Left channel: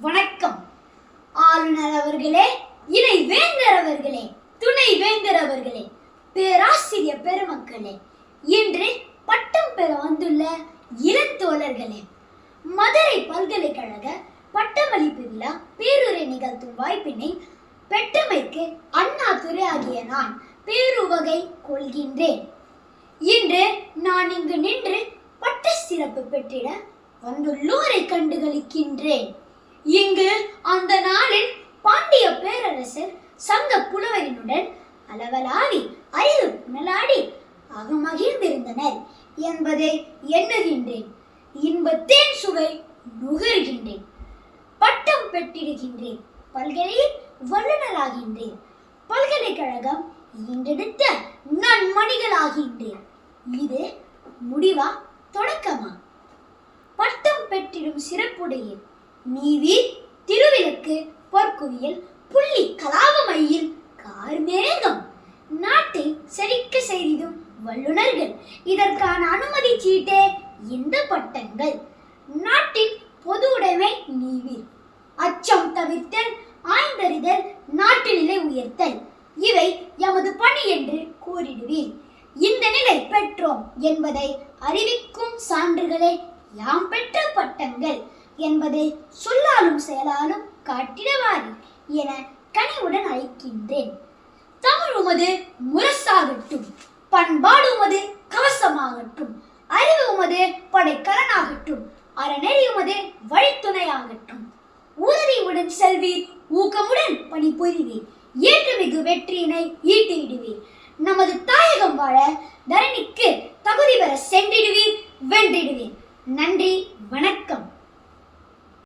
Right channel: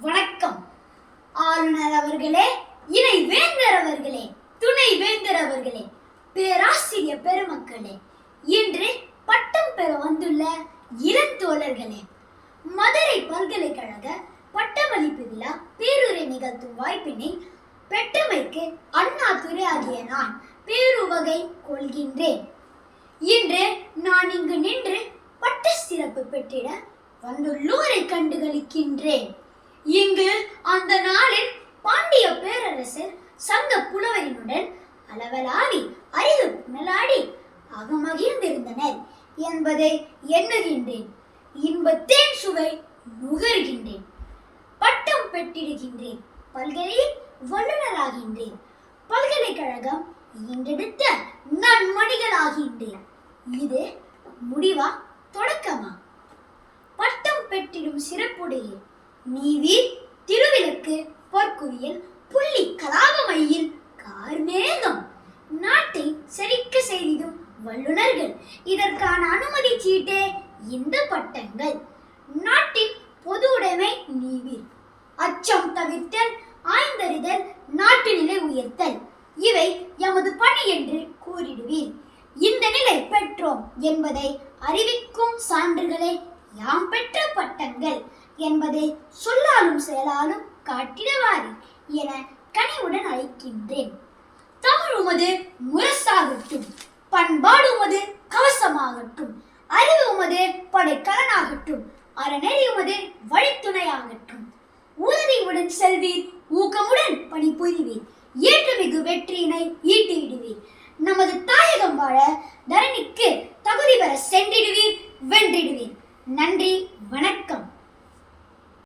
வணக்கம். ஆளுநர் அவர்களே இணை வேந்தர் அவர்களே துணை வேந்தர் அவர்களே பேராசிரியர் பெருமக்களே இன்று பட்டம் பெற வந்துள்ள இளந்தோழர்களே மதுரை பல்கலைக்கழக பட்டமளிப்பு விழா பேருரை நிகழ்த்தும் வாய்ப்பினை பெற்றமைக்கு அண்ணா துறை ஆகிய நான் பேருவகை கொள்கின்றேன். இன்று நான் இங்கு நின்று பட்ட சிறப்பு பெற்றிட வந்துள்ளோரை கண்டுகளிக்கின்றேன். இங்கு அந்த நாளில் பாண்டிய பேரரசர் சங்க புலவரினுடன் அளவலாவி அறிவு புனலாடி அகமகிழ்ந்திருந்தனர் என்பதை எண்ணுகின்றேன். இன்பத்தேன் சுவை நுகர்கின்றேன். பட்டம் பெற்றிடுகின்றேன். பல்கலையில் வல்லுநராகின்றேன். பல்கலைக்கழகம் ஈண்டெடுத்த நன்மணிகளாகின்றேன். இது முடிவா தொடக்கமா? பட்டம் பெற்றிடும் சிறப்புடைய நீவி திருவிளக்கு பொற்குவியல் புள்ளி கலாபமையில் கார்மேகம். நாட்டை செழிக்க செய்திடும் வல்லுனர்கள். இதற்கான அனுமதி சீட்டே இந்த பட்டங்கள். நாட்டின் பொது உடைமை நீவீர் அச்சம் தவிர்த்தல் ஆய்ந்தறிதல் நாட்டு நிலை உயர்த்தல். இவை எமது பணி என்று கூறிடுவீர். இந்த நிலை பெற்றோம் என்பதை அறிவிக்கும் சான்றுகளே யாம் பெற்ற பட்டங்கள். என்பதை சொல்லாலும் செயலாலும் காட்டிடவாரி என கனிவுடன் அழைக்கின்றேன். தமிழ் உமது முரசாகட்டும் பண்பாடு உமது கவசமாகட்டும் அறிவு உமது படைக்கலனாகட்டும் அறநெறி உமது வழித்துணையாகட்டும். உதவியுடன் செல்வீர் ஊக்கமுடன் பணிபுரிவீர் ஏற்றமிகு வெற்றியினை ஈட்டிடுவீர். நமது தாயகம் வாழ தரணிக்கு தகுதி பெற சென்றிடுவீர் வென்றிடுவீர். நன்றி வணக்கம்.